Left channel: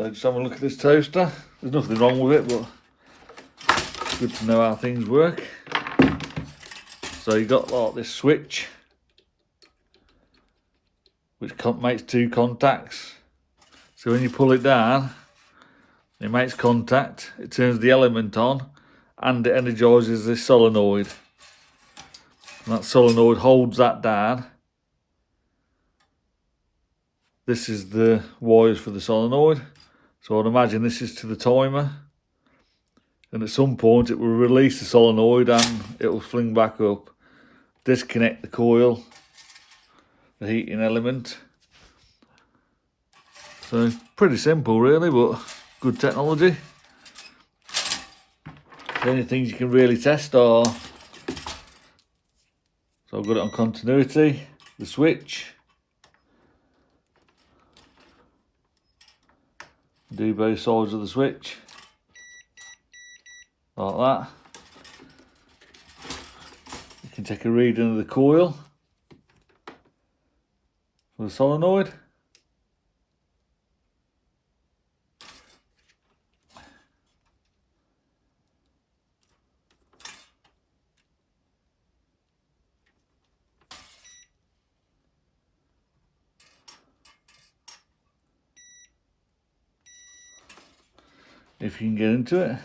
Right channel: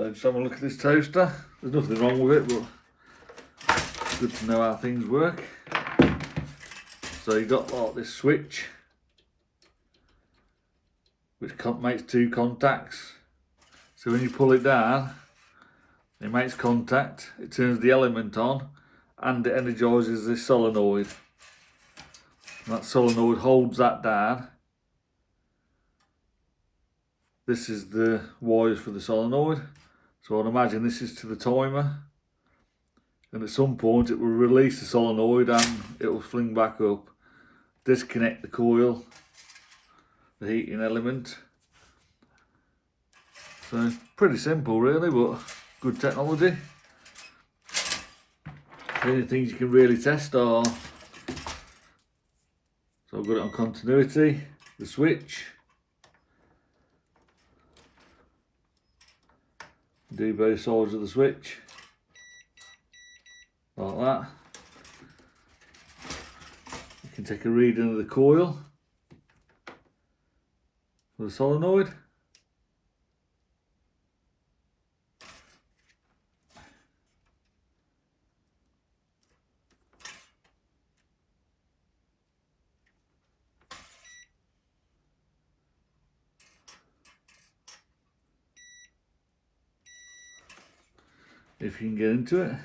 So just have a look at this toaster. There's nothing wrong with it, but it's good to know how things work. So you've got like this switch, which makes two contacts. So when you pull it down, it makes contact, it turns the element on, and it energises this solenoid. And that solenoid holds that down. This is the wires for the solenoid. So I'd imagine this is to the timer. And at some point it will release the solenoid and it will fling back up. Disconnect the coil, the heating element. So pretty simple really, but good technology. The only things you can really test are, so I've got it on continuity, the switch. Do both sides of the switch, like that. You can take a reading of the coil for the solenoid. If you can get into it.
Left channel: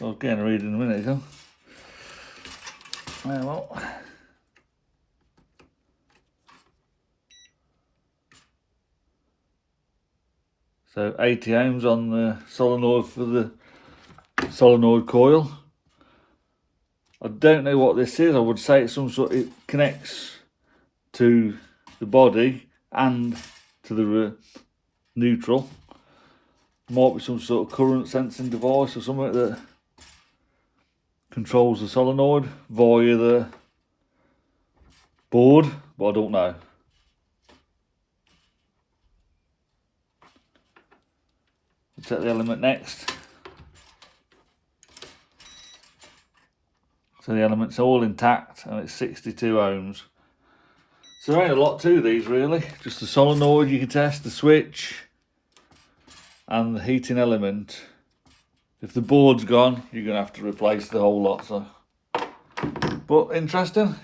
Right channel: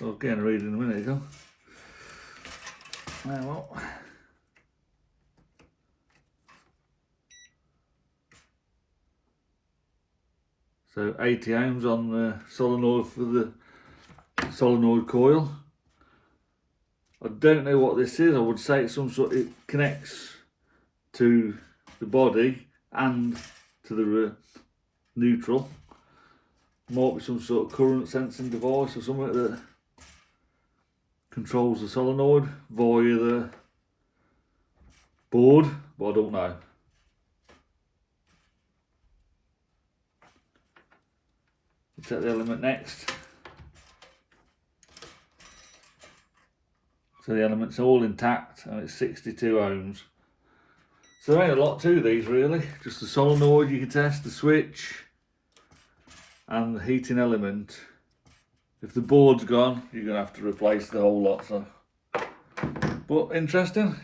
I'll get a reading in a minute ago. Well. So 80 ohms on the solenoid for the solenoid coil. I don't know what this is. I would say it's some sort. It connects to the body and to the neutral. Might be some sort of current sensing device or something that controls the solenoid via the board, but I don't know. Take the element next. So the element's all intact and it's 62 ohms. So there ain't a lot to these really. Just the solenoid you can test, the switch and the heating element. If the board's gone, you're going to have to replace the whole lot. So, but interesting.